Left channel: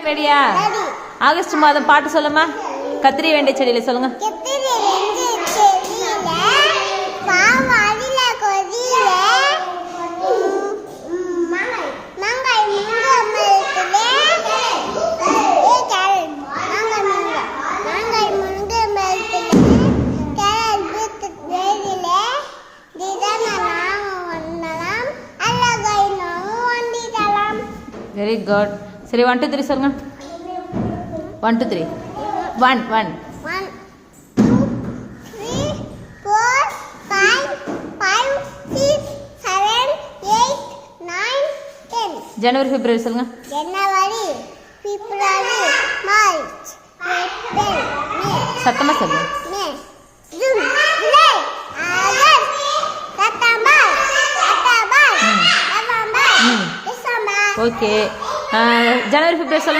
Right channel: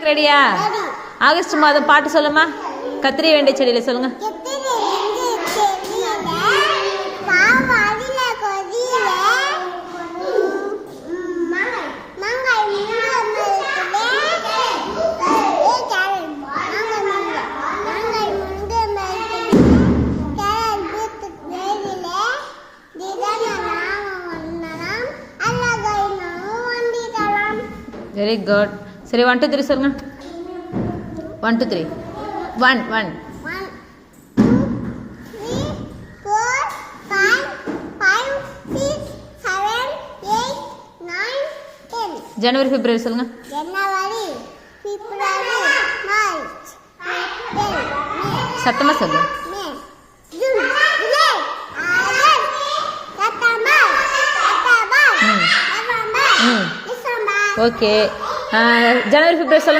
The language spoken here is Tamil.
ரெடியா? ஆகஸ்ட் மாதம் பாட்டு சொல்லுமா. கத்திரி வெண்டை செடியில சொல்லுங்க. Very good. சரி 1 2 3 சொல்லுங்க. 1 2 3. 1 1 1 2 3 4 5 5 6 7 8 9 10. ஜனவரி பிப்ரவரி சொல்லுங்க. ஜனவரி பிப்ரவரி மார்ச் ஏப்ரல் மே. சத்தமா சொல்லுங்க. மே ஜூன் ஜூலை August September October November December. Okay. ஜனவரி பிப்ரவரி சொல்லுங்க.